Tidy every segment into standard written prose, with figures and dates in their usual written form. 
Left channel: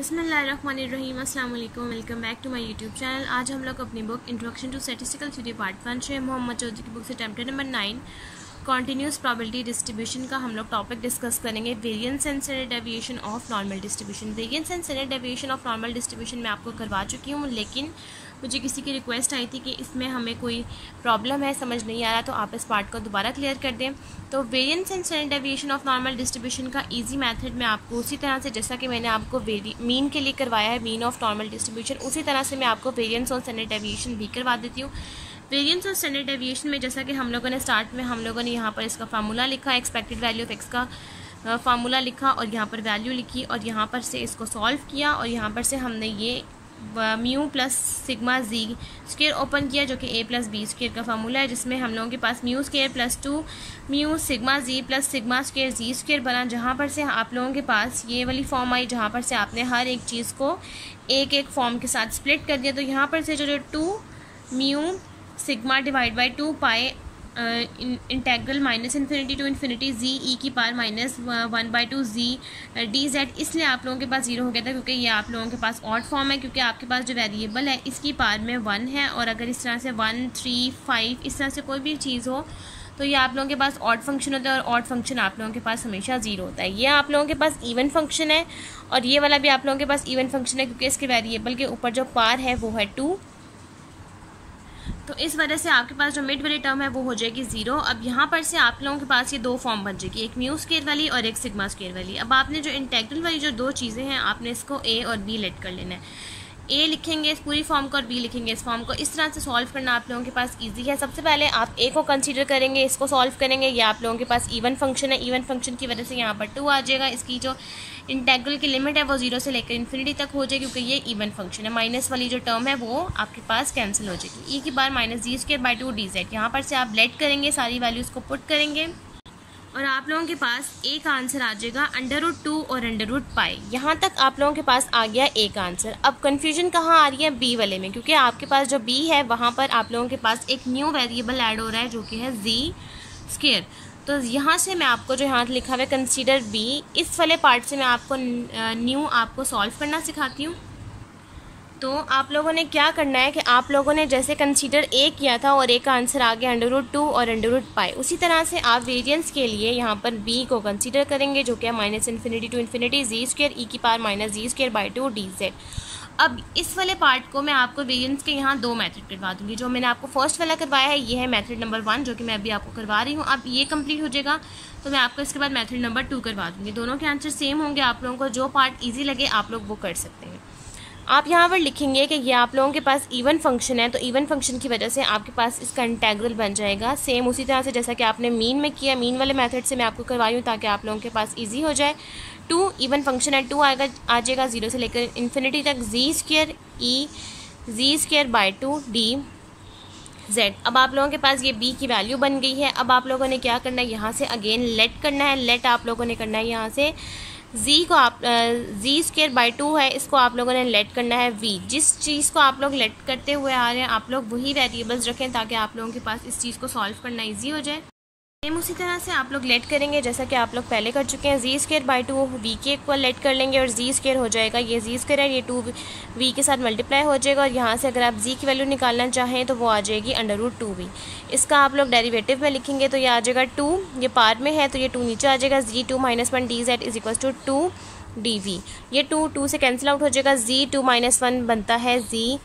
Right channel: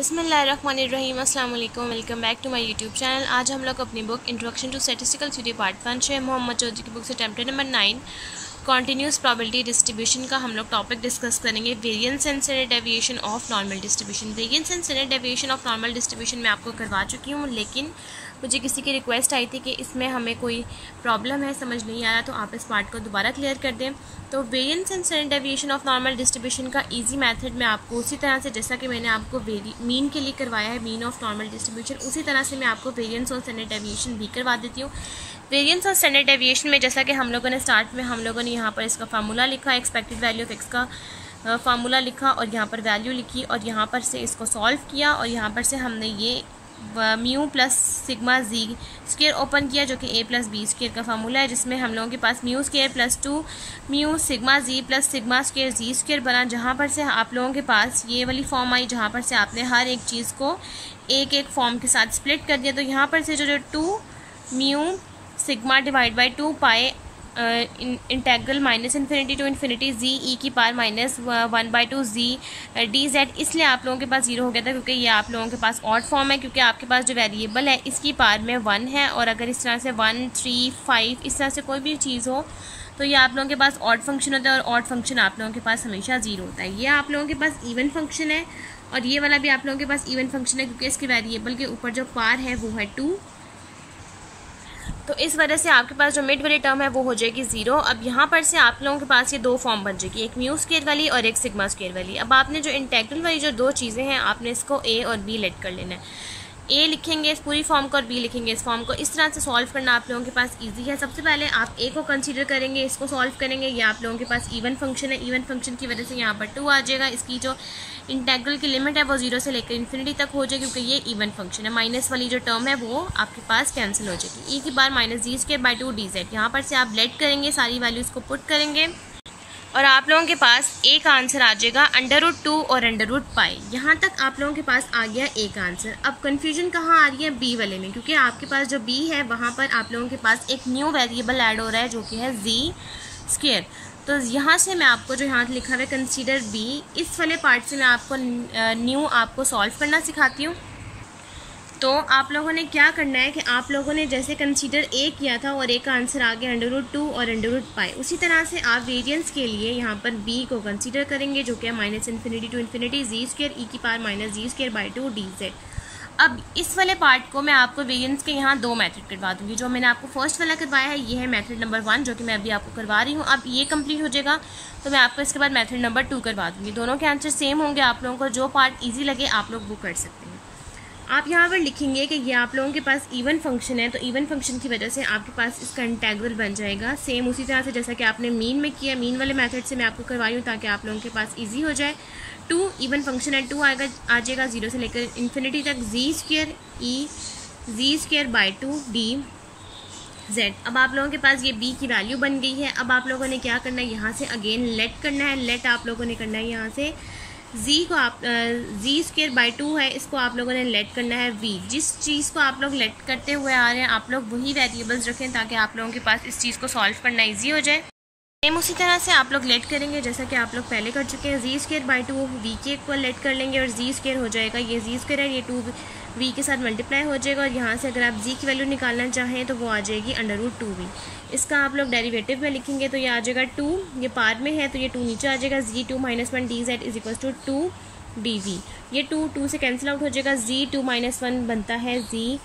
बिस्मिल्लाहिर्रहमानिर्रहीम, अस्सलाम वालेकुम, welcome back to my YouTube channel. आज हम लोग अपनी book introduction to statistical theory part 1 Sheikh Mohammad Chaudhry की बुक से chapter number 9 continuous probability distribution का हम लोग टॉपिक डिस्कस करेंगे, variance and standard deviation of normal distribution. Variance and standard deviation of normal distribution मैं आपको करवा चुकी हूँ, लेकिन मुझे किसी की रिक्वेस्ट आई थी कि इसमें हमें कोई प्रॉब्लम है, समझ नहीं आ रहा, तो आप इस पार्ट को दोबारा क्लियर कर दें। तो variance and standard deviation of normal distribution का इजी मेथड मैं आपको उसी तरह से, जैसा कि मैंने आपको मीन के लिए करवाया है, मीन ऑफ नॉर्मल डिस्ट्रीब्यूशन, उसी तरह से मैं आपको वेरिएंस और स्टैंडर्ड डेविएशन भी करवा देती हूँ। वेरिएंस और स्टैंडर्ड डेविएशन में जैसा कि हम लोगों ने स्टार्ट में हम लोगों ने यहाँ पर इसका फार्मूला लिखा, एक्सपेक्टेड वैल्यू ऑफ एक्स का फार्मूला लिखा और यहाँ पर वैल्यू लिखी और यहाँ पर से इसको सॉल्व किया और यहाँ पर से हमने ये mu plus sigma G square open किया, जो कि ए प्लस बी स्क्वायर का फार्मूला है, जिसमें हम लोगों के पास mu square plus 2 mu sigma G plus sigma square जी स्क्वायर बना, जहाँ पर से आप लोगों के पास ये वाली फॉर्म आई, जहाँ पर से आपने हर एक चीज़ को एक एक फॉर्म के साथ स्प्लिट कर दिया। तो यहाँ पर से जो 2 mu sigma divide by 2 pi integral minus infinity to infinity G E की power minus 1/2 G D Z, इसलिए आप लोगों के पास 0 हो गया था क्योंकि ये आप लोगों के पास ऑड फॉर्म है, क्योंकि आपके पास जो वेरिएबल है इसकी पावर में 1 है, और अगर इस तरह से 1, 3, 5 इस तरह से कोई भी चीज़ हो तो ये आप लोगों के पास ऑड फंक्शन होता है, और ऑड फंक्शन आप लोगों के पास हमेशा 0 होता है। ये आप लोगों के पास इवन फंक्शन है और ये वाला भी आप लोगों के पास इवन फंक्शन है, क्योंकि इसके वेरिएबल के ऊपर जो पावर है वो है 2, तो इस वजह से आपके पास जो मिड वाली टर्म है वो हो जाएगी 0। अब यहाँ पर से आप लोगों के पास ये दो फॉर्म बन जाएगी, एक म्यू स्क्वायर वाली और एक सिग्मा स्क्वायर वाली। अब आपने जो इंटेग्रल वाली जो दो चीज़ें हैं, आपने इसको ए और बी लेट कर लेना है। ए लिखेंगे इस पूरी फॉर्म को और बी लिखेंगे इस फॉर्म को। इस तरह से सॉल्व करना आप लोगों के पास इजी है। सबसे पहले आप ए को कंसीडर करेंगे, इसको सॉल्व करेंगे। ये आप लोगों के पास इवन फंक्शन है, इवन फंक्शन की वजह से यहाँ पर 2 आ जाएगा। इसकी जो इंटेग्रल की लिमिट है वो 0 से लेकर इन्फिनिटी तक हो जाएगी, क्योंकि ये इवन फंक्शन है। माइनस वाली जो टर्म है वो आपके पास कैंसिल हो जाएगी। ई की बार minus ji square by 2 D Z, यहाँ पर से आप लेट करेंगे, सारी वैल्यूज़ को पुट करेंगे और आप लोगों के पास एक आंसर आ जाएगा √2 और √π। यहाँ तक आप लोगों के पास आ गया एक आंसर। अब कंफ्यूजन कहाँ आ रही है? बी वाले में, क्योंकि आपके पास जो बी है वहाँ पर आप लोगों के पास एक न्यू वेरिएबल ऐड हो रहा है, जो कि है जी स्क्वायर। तो यहाँ से मैं आपको जो यहाँ लिखा हुआ है कंसीडर बी, इस वाले पार्ट से मैं आपको न्यू आपको सॉल्व करना सिखाती हूँ। तो आप लोगों ने क्या करना है कि आप लोगों ने जैसे कंसीडर ए किया था और एक आंसर आ गया √2 और √π, उसी तरह से आप वेरिएंस के लिए यहाँ पर बी को कंसीडर करेंगे, जो कि है minus infinity to infinity G square ई की power minus ji square by 2 D Z. अब इस वाले पार्ट को मैं आपको वेरिएंस के यहाँ 2 मेथड करवा दूंगी। जो मैंने आपको फर्स्ट वाला करवाया है ये है मेथड नंबर 1, जो कि मैं अभी आपको करवा रही हूँ। अब ये कंप्लीट हो जाएगा तो मैं आपको इसके बाद मेथड नंबर 2 करवा दूंगी। दोनों के आंसर सेम होंगे, आप लोगों को जो पार्ट ईजी लगे आप लोग वो कर सकते हैं। आप यहाँ पर लिखेंगे कि ये आप लोगों के पास इवन फंक्शन है, तो इवन फंक्शन की वजह से आपके पास इसका इंटेग्रल बन जाएगा सेम उसी तरह से जैसा कि आपने मीन में किया। मीन वाले मेथड से मैं आपको करवाई हूँ ताकि आप लोगों के पास इजी हो जाए। 2 इवन फंक्शन है, 2 आ जाएगा 0 से लेकर इन्फिनिटी तक, G square E G square by 2 D Z. अब आप लोगों के पास ये बी की वैल्यू बन गई है। अब आप लोगों ने क्या करना है, यहाँ से अगेन लेट करना है। लेट आप लोगों ने करना है यहाँ से जी को, आप जी स्क्वायर बाई 2 है, इसको आप लोगों ने लेट करना है वी। जिस चीज़ को आप लोग लेट करते हुए आ रहे हैं आप लोग वही वेरिएबल्स रखें ताकि आप लोगों के पास इस चीज़ को सॉल्व करना ईजी हो जाए। सेम उसी तरह से आप लोग लेट करेंगे जैसा कि आप लोग पहले कर चुके हैं। जी स्क्वायर बाई 2 वी के को लेट कर लेंगे और जी स्क्वायर हो जाएगा, ये जी स्क्वायर है, ये 2 वी के साथ मल्टीप्लाई हो जाएगा, और यहाँ से अगर आप जी की वैल्यू निकालना चाहें तो वो आ जाएगी √2v। इसका आप लोग डेरिवेटिव में लिखेंगे तो ये आ जाएगा 2, ये पार में है तो ये 2 नीचे आ जाएगा। Z 2 - 1 d z is equal to 2 dv। ये 2 से कैंसिल आउट हो जाएगा। जी 2 - 1 बनता है z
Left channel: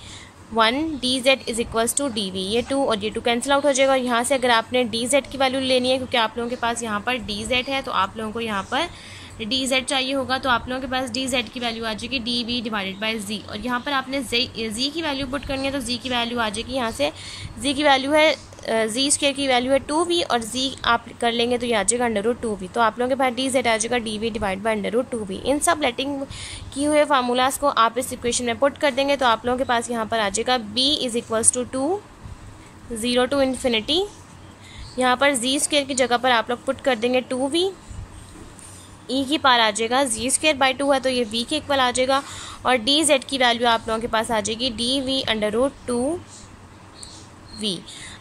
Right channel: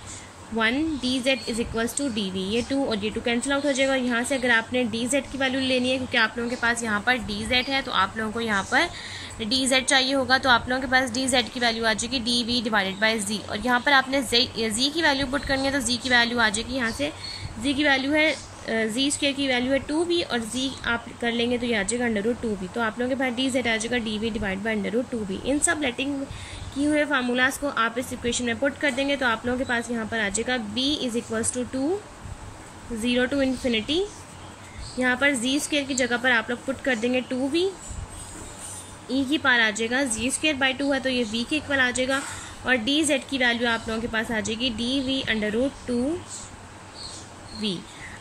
1 d z is equals to d v. ये 2 और ये 2 कैंसिल आउट हो जाएगा। और यहाँ से अगर आपने डी जेड की वैल्यू लेनी है, क्योंकि आप लोगों के पास यहाँ पर डी जेड है तो आप लोगों को यहाँ पर डी जेड चाहिए होगा, तो आप लोगों के पास डी जेड की वैल्यू आ जाएगी डी वी डिवाइडेड बाई जी। और यहाँ पर आपने जी की वैल्यू पुट करनी है तो जी की वैल्यू आ जाएगी, यहाँ से जी की वैल्यू है जी स्क्वायर की वैल्यू है 2v और जी आप कर लेंगे तो ये आ जाएगा √2v। तो आप लोगों के पास डी जेड आ जाएगा d v divide by √2v। इन सब लेटिंग किए हुए फार्मूलाज को आप इस इक्वेशन में पुट कर देंगे तो आप लोगों के पास यहाँ पर आ जाएगा b is equals to 2 0 to infinity. यहाँ पर जी स्क्वायर की जगह पर आप लोग पुट कर देंगे 2v, ई की पावर आ जाएगा जी स्क्वायर बाई 2 है तो ये v के इक्वल आ जाएगा, और डी जेड की वैल्यू आप लोगों के पास आ जाएगी डी वी √2v।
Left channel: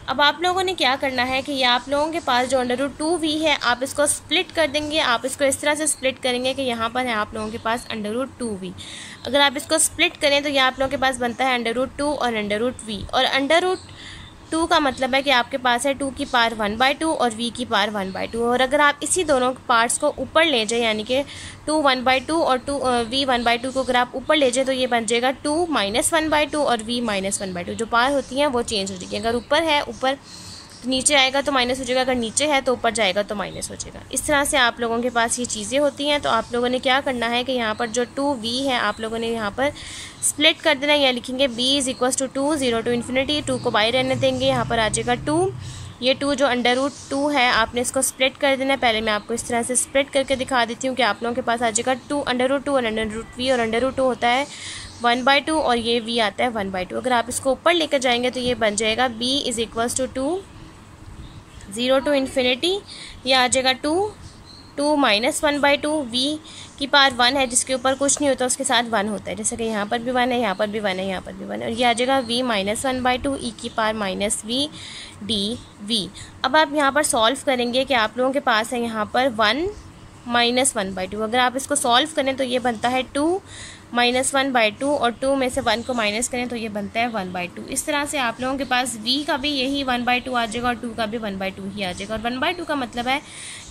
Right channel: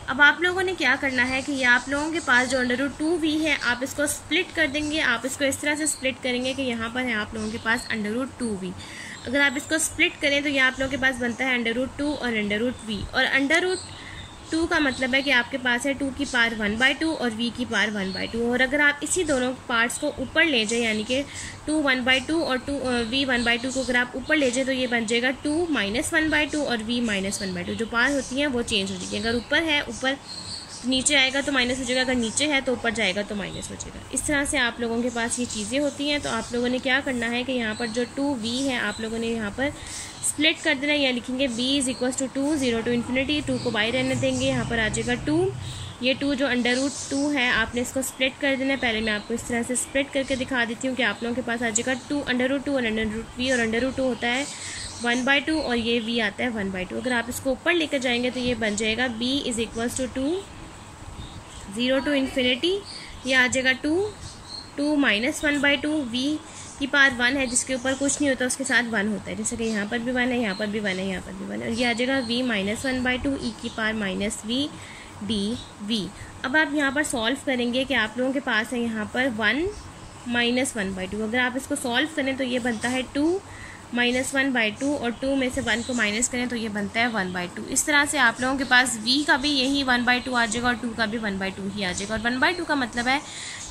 अब आप लोगों ने क्या करना है कि ये आप लोगों के पास जो √2v है आप इसको स्प्लिट कर देंगे। आप इसको इस तरह से स्प्लिट करेंगे कि यहाँ पर है आप लोगों के पास √2v। अगर आप इसको स्प्लिट करें तो ये आप लोगों के पास बनता है √2 और √v। और √2 का मतलब है कि आपके पास है 2 की पावर 1/2 और v की पावर 1/2। और अगर आप इसी दोनों पार्ट्स को ऊपर ले जाए यानी कि 2 1/2 और v 1/2 को अगर आप ऊपर ले जाए तो ये बन जाएगा 2 -1/2 और v -1/2। जो पावर होती हैं वो चेंज हो जाएगी। अगर ऊपर है ऊपर नीचे आएगा तो माइनस हो जाएगा, अगर नीचे है तो ऊपर जाएगा तो माइनस हो जाएगा। इस तरह से आप लोगों के पास ये चीज़ें होती हैं। तो आप लोगों ने क्या करना है कि यहाँ पर जो 2v है आप लोगों ने यहाँ पर स्प्लिट कर देना है। या लिखेंगे b = 2 0 to ∞, 2 को बाई रहने देंगे, यहाँ पर आ जाएगा 2। ये 2 जो √2 है आपने इसको स्प्लिट कर देना है। पहले मैं आपको इस तरह से स्प्लिट करके दिखा देती हूँ कि आप लोगों के पास आ जाएगा 2 √2 और √v। और √2 होता है 1/2 और ये v आता है 1/2। अगर आप इसको ऊपर लेकर जाएंगे तो ये बन जाएगा b = 2 0 to ∞, यह आ जाएगा 2 -1/2, v की पावर 1 है जिसके ऊपर कुछ नहीं होता उसके साथ 1 होता है, जैसे कि यहाँ पर भी 1 है, यहाँ पर भी 1 है, यहाँ पर भी 1 है। और ये आ जाएगा v -1/2 e की पावर -v dv। अब आप यहाँ पर सॉल्व करेंगे कि आप लोगों के पास है यहाँ पर 1 -1/2। अगर आप इसको सॉल्व करें तो ये बनता है 2 -1/2 और 2 में से 1 को माइनस करें तो ये बनता है 1/2। इस तरह से आप लोगों के पास v का भी यही 1/2 आ जाएगा और 2 का भी 1/2 ही आ जाएगा। और 1/2 का मतलब है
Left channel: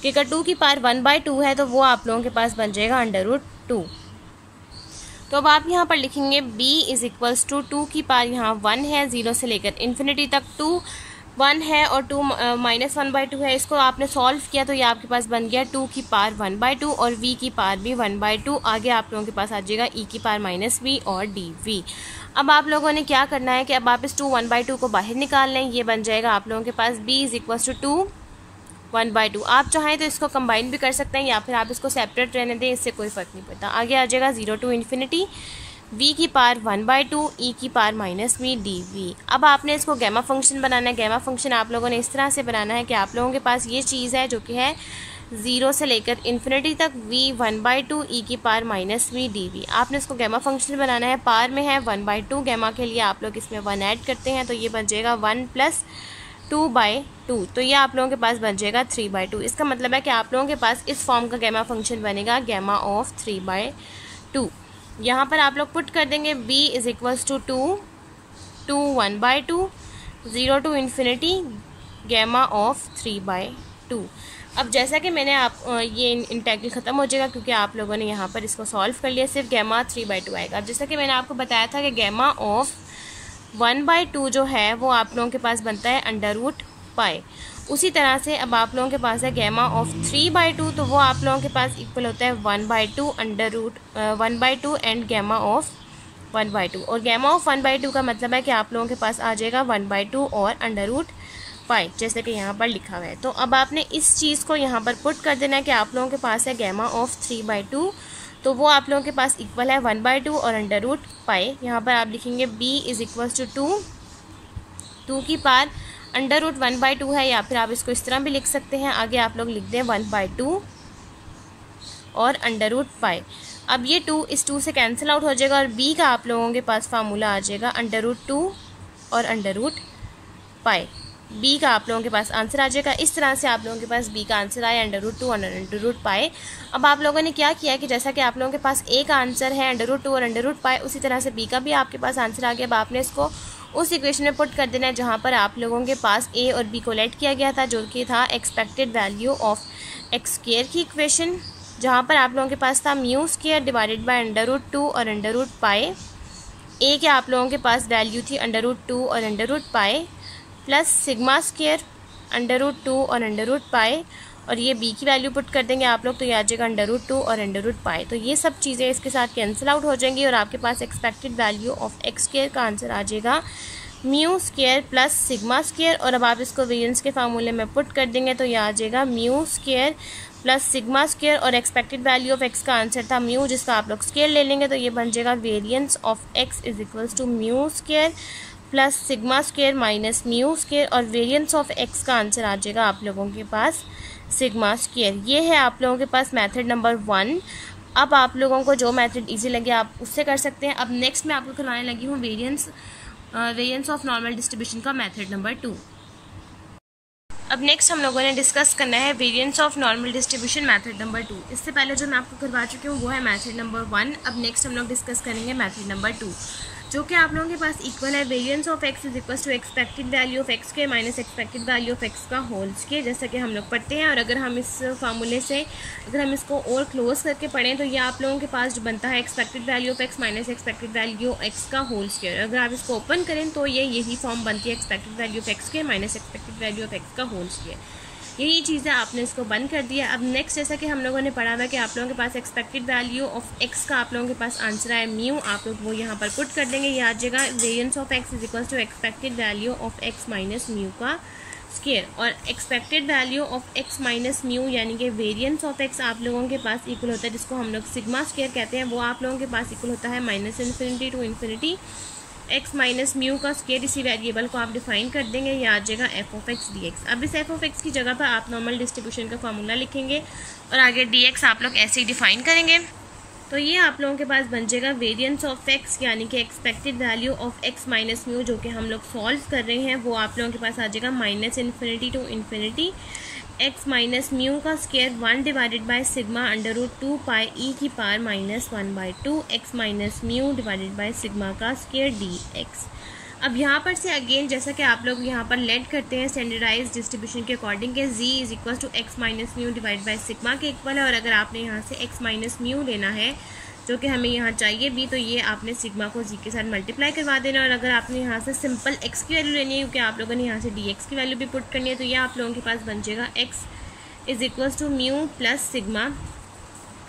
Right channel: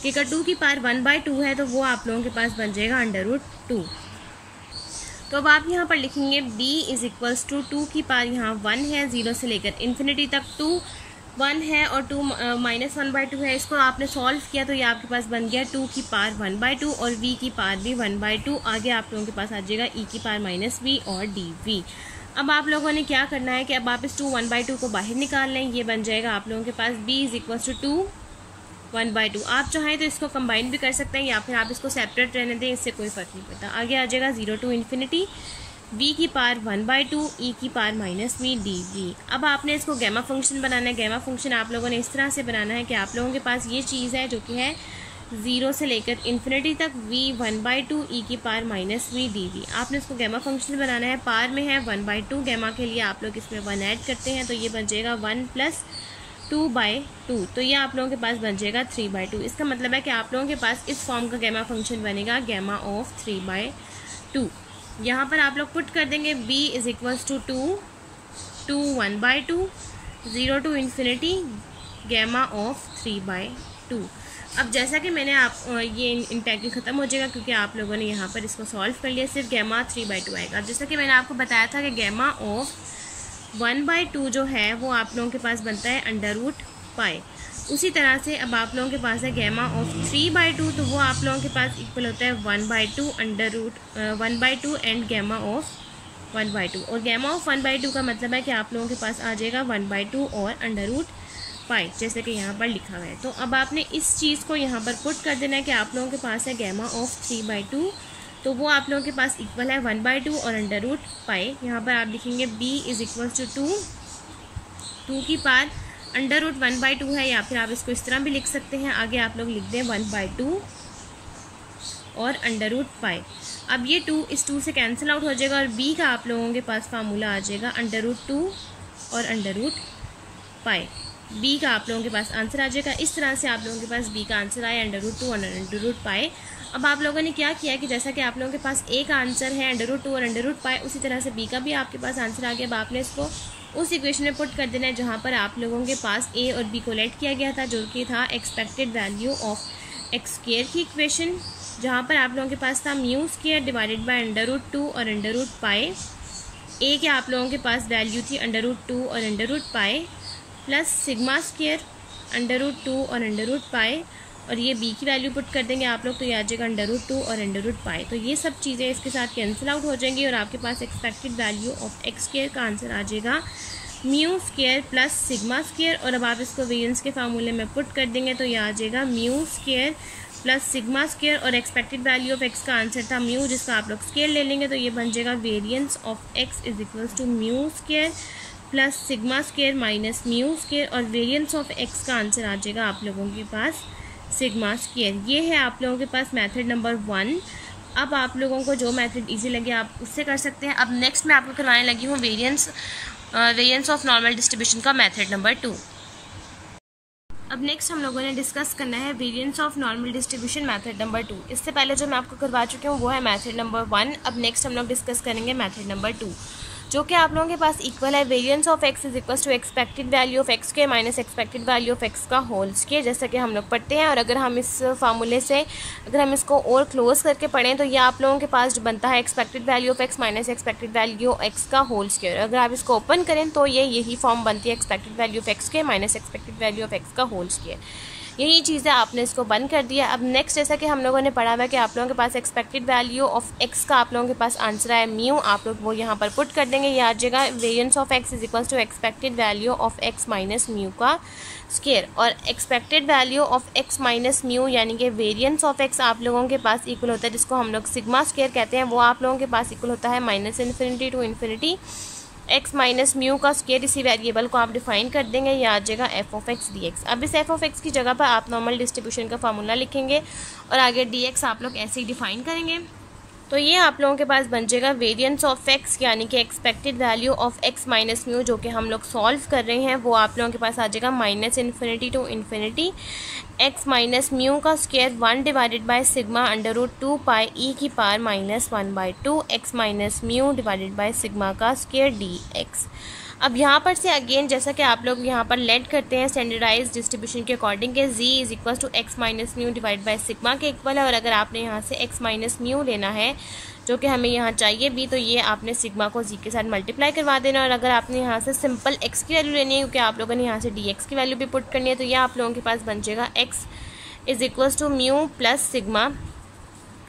कि अगर 2 की पावर 1/2 है तो वो आप लोगों के पास बन जाएगा √2। तो अब आप यहाँ पर लिखेंगे b = 2 की पावर यहाँ 1 है, 0 से लेकर ∞ तक 2 1 है और 2 -1/2 है। इसको आपने सॉल्व किया तो ये आपके पास बन गया 2 की पावर 1/2 और v की पावर भी 1/2। आगे आप लोगों के पास आ जाएगा e की पावर -v और dv। अब आप लोगों ने क्या करना है कि अब आप इस 2 1/2 को बाहर निकाल लें। ये बन जाएगा आप लोगों के पास b = 2 1/2। आप चाहें तो इसको कंबाइन भी कर सकते हैं या फिर आप इसको सेपरेट रहने दें, इससे कोई फ़र्क नहीं पड़ता। आगे आ जाएगा 0 to ∞, v की पावर 1/2 e की पावर -v dv। अब आपने इसको गैमा फंक्शन बनाना है। गैमा फंक्शन आप लोगों ने इस तरह से बनाना है कि आप लोगों के पास ये चीज़ है जो कि है 0 से लेकर ∞ तक v 1/2 e की पावर -v dv। आपने इसको गैमा फंक्शन बनाना है। पावर में है 1/2, गैमा के लिए आप लोग इसमें 1 ऐड करते हैं तो ये बन जाएगा 1 + 2/2। तो ये आप लोगों के पास बन जाएगा 3/2। इसका मतलब है कि आप लोगों के पास इस फॉर्म का गैमा फंक्शन बनेगा gamma of 3/2। यहाँ पर आप लोग पुट कर देंगे b = 2 1/2 0 to ∞, gamma of 3/2। अब जैसा कि मैंने आप ये इंटेग्रल ख़त्म हो जाएगा क्योंकि आप लोगों ने यहाँ पर इसको सॉल्व कर लिया, सिर्फ gamma 3/2 आएगा। जैसा कि मैंने आपको बताया था कि gamma of 1/2 जो है वो आप लोगों के पास बनता है √π। उसी तरह से अब आप लोगों के पास है gamma of 3/2 तो वो आप लोगों के पास इक्वल होता है 1/2 1/2 एंड gamma of 1/2। और gamma of 1/2 का मतलब है कि आप लोगों के पास आ जाएगा 1/2 और √π, जैसे कि यहाँ पर लिखा हुआ है। तो अब आपने इस चीज़ को यहाँ पर पुट कर देना है कि आप लोगों के पास है gamma of 3/2 तो वो आप लोगों के पास इक्वल है 1/2 और √π। यहाँ पर आप लिखेंगे b = 2 की पावर √1/2 है, या फिर आप इसको इस तरह भी लिख सकते हैं। आगे आप लोग लिख दें 1/2 और √π। अब ये 2 इस 2 से कैंसिल आउट हो जाएगा और b का आप लोगों के पास फार्मूला आ जाएगा √2 और √π। b का आप लोगों के पास आंसर आ जाएगा। इस तरह से आप लोगों के पास b का आंसर आया √2 और √π। अब आप लोगों ने क्या किया कि जैसा कि आप लोगों के पास a का आंसर है √2 और √π, उसी तरह से b का भी आपके पास आंसर आ गया। अब आपने इसको उस इक्वेशन में पुट कर देना है जहाँ पर आप लोगों के पास a और b को लेट किया गया था, जो कि था एक्सपेक्टेड वैल्यू ऑफ x² की इक्वेशन, जहाँ पर आप लोगों के पास था μ² डिवाइडेड बाय √2 और √π। a के आप लोगों के पास वैल्यू थी √2 और √π प्लस σ² √2 और √π, और ये b की वैल्यू पुट कर देंगे आप लोग तो ये आ जाएगा √2 और √π। तो ये सब चीज़ें इसके साथ कैंसिल आउट हो जाएंगी और आपके पास एक्सपेक्टेड वैल्यू ऑफ x² का आंसर आ जाएगा μ² प्लस σ²। और अब आप इसको वेरिएंस के फार्मूले में पुट कर देंगे तो ये आ जाएगा μ² प्लस σ² और एक्सपेक्टेड वैल्यू ऑफ x का आंसर था म्यू, जिसका आप लोग स्क्वायर ले लेंगे तो ये बन जाएगा variance of x = μ² plus σ² minus μ², और वेरिएंस ऑफ x का आंसर आ जाएगा आप लोगों के पास σ²। ये है आप लोगों के पास मेथड नंबर 1। अब आप लोगों को जो मेथड इजी लगे आप उससे कर सकते हैं। अब नेक्स्ट मैं आपको करवाने लगी हूँ वेरिएंस ऑफ नॉर्मल डिस्ट्रीब्यूशन का मेथड नंबर 2। अब नेक्स्ट हम लोगों ने डिस्कस करना है variance of normal distribution method number 2। इससे पहले जो मैं आपको करवा चुकी हूँ वो है मेथड नंबर 1। अब नेक्स्ट हम लोग डिस्कस करेंगे मेथड नंबर 2, जो कि आप लोगों के पास इक्वल है variance of x is equal to expected value of X के minus expected value of X का होल स्क्वायर, जैसा कि हम लोग पढ़ते हैं। और अगर हम इस फार्मूले से अगर हम इसको और क्लोज करके पढ़ें तो ये आप लोगों के पास जो बनता है expected value of x minus expected value of X का होल स्क्वायर। अगर आप इसको ओपन करें तो ये यही फॉर्म बनती है एक्सपेक्टेड वैल्यू ऑफ एक्स के minus expected value of X का होल स्क्वायर। यही चीज़ है, आपने इसको बंद कर दिया। अब नेक्स्ट जैसा कि हम लोगों ने पढ़ा हुआ कि आप लोगों के पास एक्सपेक्टेड वैल्यू ऑफ एक्स का आप लोगों के पास आंसर है म्यू, आप लोग वो यहाँ पर पुट कर देंगे। याद जगह variance of x is equal to expected value of x minus mu का स्क्वायर, और expected value of x minus mu यानी कि वेरिएंस ऑफ एक्स आप लोगों के पास इक्वल होता है, जिसको हम लोग सिग्मा स्क्वायर कहते हैं, वो आप लोगों के पास इक्वल होता है minus infinity to infinity x minus mu का स्क्वायर। इसी वेरिएबल को आप डिफाइन कर देंगे, ये आ जाएगा f of x d x. अब इस एफ ऑफ एक्स की जगह पर आप नॉर्मल डिस्ट्रीब्यूशन का फार्मूला लिखेंगे और आगे डी एक्स आप लोग ऐसे ही डिफाइन करेंगे। तो ये आप लोगों के पास बन जाएगा वेरिएंस ऑफ एक्स यानी कि expected value of x minus mu, जो कि हम लोग सॉल्व कर रहे हैं, वो आप लोगों के पास आ जाएगा minus infinity to infinity x minus mu का square 1 divided by sigma under root 2 pi ई की power minus 1/2 x minus mu divided by sigma का स्क्वायर डी एक्स। अब यहाँ पर से अगेन जैसा कि आप लोग यहाँ पर लेट करते हैं स्टैंडर्डाइज डिस्ट्रीब्यूशन के अकॉर्डिंग के G is equal to X minus mu divide by sigma के इक्वल है। और अगर आपने यहाँ से एक्स माइनस म्यू लेना है जो कि हमें यहाँ चाहिए भी, तो ये आपने सिग्मा को जी के साथ मल्टीप्लाई करवा देना। और अगर आपने यहाँ से सिंपल एक्स की वैल्यू लेनी है क्योंकि आप लोगों ने यहाँ से डी एक्स की वैल्यू भी पुट करनी है, तो ये आप लोगों के पास बन जाएगा X is equals to mu plus sigma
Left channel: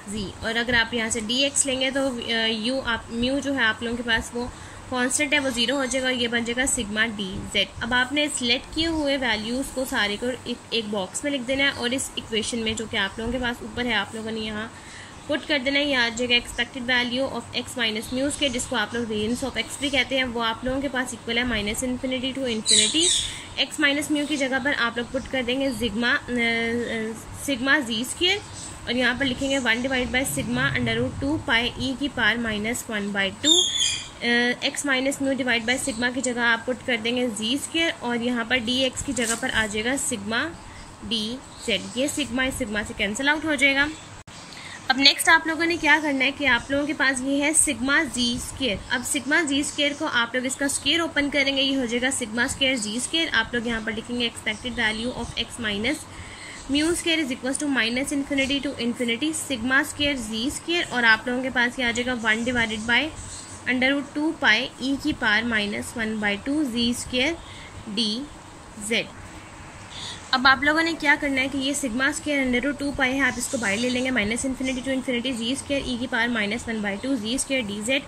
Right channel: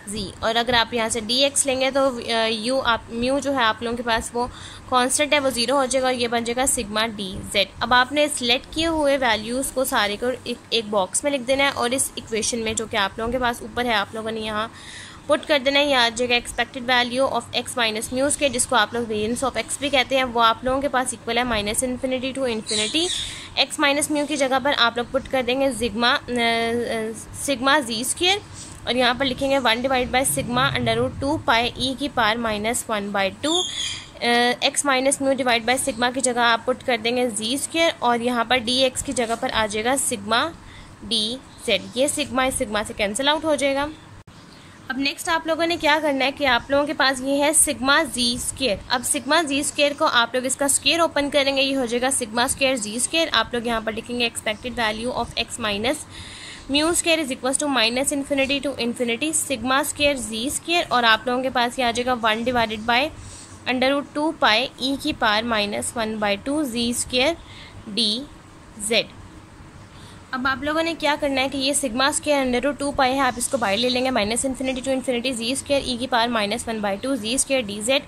G. और अगर आप यहाँ से डी एक्स लेंगे तो यू आप म्यू जो है आप लोगों के पास वो कांस्टेंट है, वो 0 हो जाएगा और ये बन जाएगा सिग्मा डी जेड। अब आपने सिलेक्ट किए हुए वैल्यूज़ को सारे को एक बॉक्स में लिख देना है और इस इक्वेशन में जो कि आप लोगों के पास ऊपर है आप लोगों ने यहाँ पुट कर देना है। यहाँ आ जाएगा expected value of x minus muse के, जिसको आप लोग वेरिएंस ऑफ एक्स भी कहते हैं, वो आप लोगों के पास इक्वल है minus infinity to infinity x minus mu की जगह पर आप लोग पुट कर देंगे सिग्मा जी स्क्वायर, और यहाँ पर लिखेंगे 1 divide by sigma under root 2 pi ई की power minus 1/2 x minus mu divide by sigma की जगह आप पुट कर देंगे जी स्क्वायर, और यहाँ पर डी एक्स की जगह पर आ जाएगा सिग्मा डी जेड। ये सिग्मा इस सिग्मा से कैंसिल आउट हो जाएगा। अब नेक्स्ट आप लोगों ने क्या करना है कि आप लोगों के पास ये है सिग्मा जी स्क्वायर। अब सिग्मा जी स्क्वायर को आप लोग इसका स्क्वायर ओपन करेंगे, ये हो जाएगा सिग्मा स्क्वायर जी स्क्वायर। आप लोग यहाँ पर लिखेंगे expected value of x minus mu square is equal to minus infinity to infinity sigma square ji square, और आप लोगों के पास ये आ जाएगा 1 divided by under root 2 pi ई की power minus 1/2 z square d Z. अब आप लोगों ने क्या करना है कि ये sigma square under root 2 pi है, आप इसको बाहर ले लेंगे minus infinity to infinity G square ई की power minus 1/2 z square d Z,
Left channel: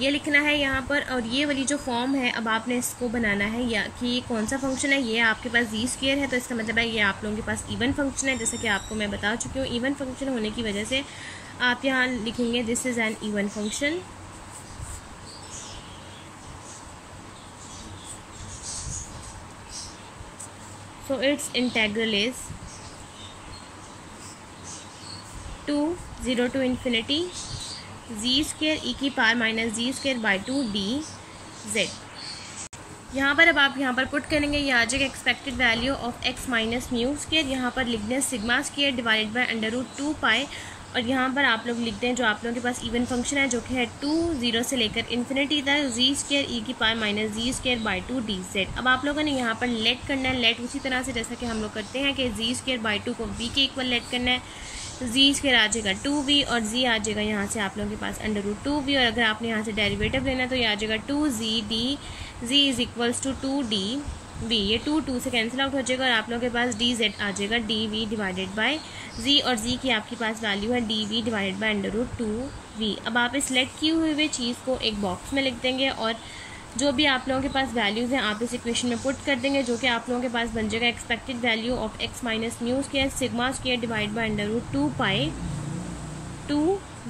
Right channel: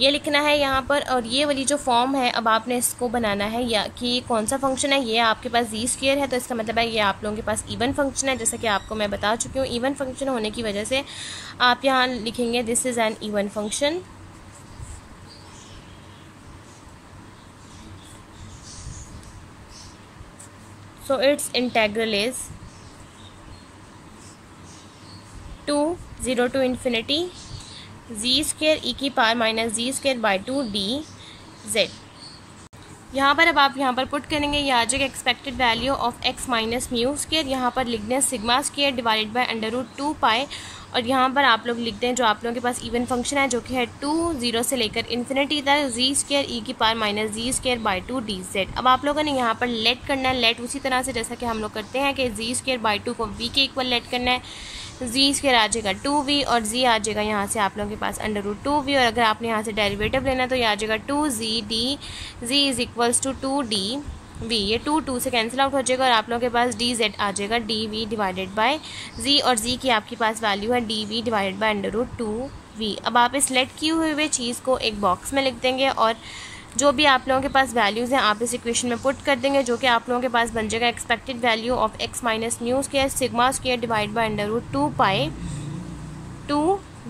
ये लिखना है यहाँ पर। और ये वाली जो फॉर्म है अब आपने इसको बनाना है या कि कौन सा फंक्शन है, ये आपके पास जी स्क्वायर है तो इसका मतलब है ये आप लोगों के पास इवन फंक्शन है। जैसा कि आपको मैं बता चुकी हूँ, इवन फंक्शन होने की वजह से आप यहाँ लिखेंगे this is an even function. So its integral is 0 to infinity z square e की power minus ji square by 2 D Z. यहाँ पर अब आप यहाँ पर पुट करेंगे, ये आ जाएगा expected value of x minus mu square, यहाँ पर लिख दें sigma square divided by under root 2 pi, और यहाँ पर आप लोग लिख दें जो आप लोगों के पास इवन फंक्शन है जो कि है 0 से लेकर इन्फिनिटी तक जी स्क्वायर ई की power minus ji square by 2 D Z. अब आप लोगों ने यहाँ पर लेट करना है, लेट उसी तरह से जैसा कि हम लोग करते हैं कि जी स्क्वायर बाई 2 को वी के इक्वल लेट करना है, तो जी स्क्वायर आ जाएगा 2v और जी आ जाएगा यहाँ से आप लोगों के पास अंडर रूट 2v, और अगर आपने यहाँ से डेरिवेटिव लेना है तो ये आ जाएगा 2z d z is equals to 2d v, ये 2 से कैंसिल आउट हो जाएगा और आप लोगों के पास डी जेड आ जाएगा dv डिवाइडेड बाय जी, और जी की आपके पास वैल्यू है dv divided by under root 2v। अब आप इस लेट की हुई चीज़ को एक बॉक्स में लिख देंगे और जो भी आप लोगों के पास वैल्यूज़ हैं आप इस इक्वेशन में पुट कर देंगे, जो कि आप लोगों के पास बन जाएगा expected value of x minus mu square sigma square divide by under root 2 pi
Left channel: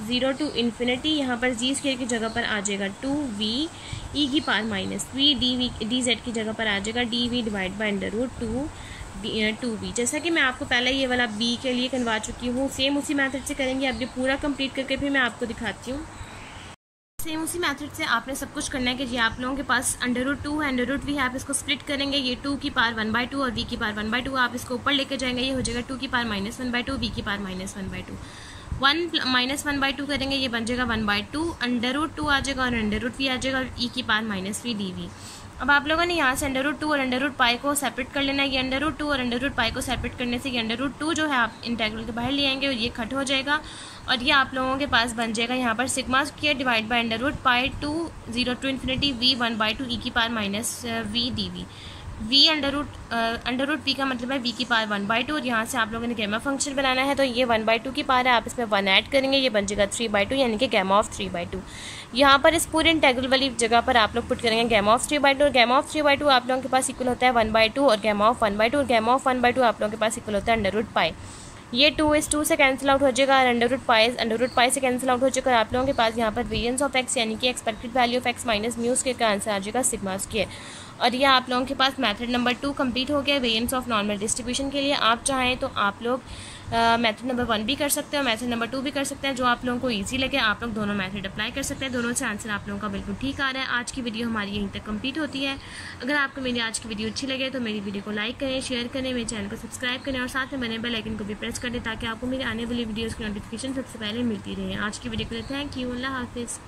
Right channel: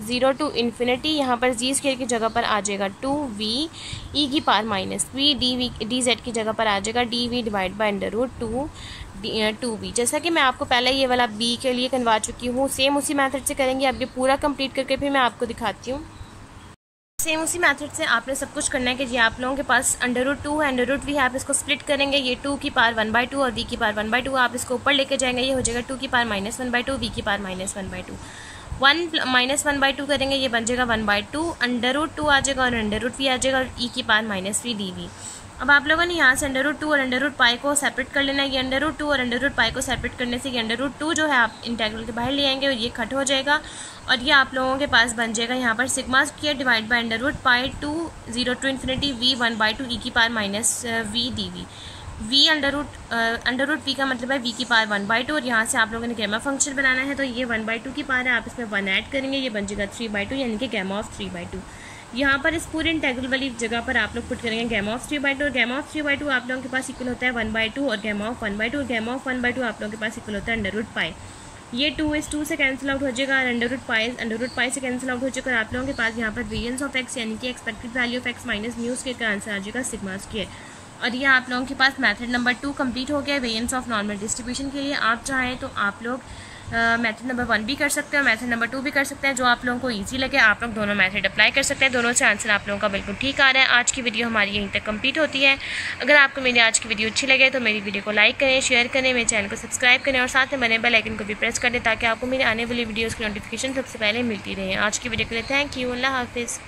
0 to infinity, यहाँ पर जी स्क्वायर की जगह पर आ जाएगा 2v ई की power minus v d z की जगह पर आ जाएगा dv divide by under root 2v। जैसा कि मैं आपको पहले ये वाला b के लिए करवा चुकी हूँ, सेम उसी मेथड से करेंगे। अब ये पूरा कंप्लीट करके फिर मैं आपको दिखाती हूँ। सेम उसी मेथड से आपने सब कुछ करना है कि जी आप लोगों के पास √2 है, √v है, आप इसको स्प्लिट करेंगे, ये 2 की पावर 1/2 और v की पावर 1/2 आप इसको ऊपर लेके जाएंगे, ये हो जाएगा 2 की पावर -1/2 v की पावर -1/2 1 -1/2 करेंगे, ये बन जाएगा 1/2 √2 आ जाएगा और √v आ जाएगा और e की पावर -3 dv। अब आप लोगों ने यहाँ से √2 और √π को सेपरेट कर लेना है। ये √2 और √π को सेपरेट करने से ये √2 जो है आप इंटीग्रल के बाहर ले आएंगे और ये कट हो जाएगा और ये आप लोगों के पास बन जाएगा यहाँ पर sigma square divide by √π to 0 to ∞ v 1/2 e की power -v dv। v √v का मतलब है v की पावर 1/2 और यहाँ से आप लोगों ने गैमा फंक्शन बनाना है, तो ये 1/2 की पावर है, आप इसमें 1 ऐड करेंगे, ये बन जाएगा 3/2 यानी कि गैमा ऑफ 3/2। यहाँ पर इस पूरे इंटीग्रल वाली जगह पर आप लोग पुट करेंगे गैमा ऑफ 3/2 और गैमा ऑफ 3/2 आप लोगों के पास इक्वल होता है 1/2 और गैमा ऑफ 1/2 और गैमा ऑफ 1/2 आप लोगों के पास इक्वल होता है √π। ये 2 इस 2 से कैंसिल आउट हो जाएगा और √π से कैंसिल आउट हो जाएगा और आप लोगों के पास यहाँ पर वेरिएंस ऑफ x यानी कि expected value of x minus new square का आंसर आ जाएगा सिग्मा स्क्वायर। और ये आप लोगों के पास मेथड नंबर 2 कंप्लीट हो गया वेरिएंस ऑफ नॉर्मल डिस्ट्रीब्यूशन के लिए। आप चाहें तो आप लोग मेथड नंबर 1 भी कर सकते हैं और मेथड नंबर 2 भी कर सकते हैं, जो आप लोगों को इजी लगे आप लोग दोनों मेथड अप्लाई कर सकते हैं, दोनों से आंसर आप लोगों का बिल्कुल ठीक आ रहा है। आज की वीडियो हमारी यहीं तक कंप्लीट होती है। अगर आपको मेरी आज की वीडियो अच्छी लगे तो मेरी वीडियो को लाइक करें, शेयर करें, मेरे चैनल को सब्सक्राइब करें और साथ में बने बेल आइकन को भी प्रेस कर दें ताकि आपको मेरी आने वाली वीडियोज़ की नोटिफिकेशन सबसे पहले मिलती रहे। आज की वीडियो के लिए थैंक यू, अल्लाह हाफिज़।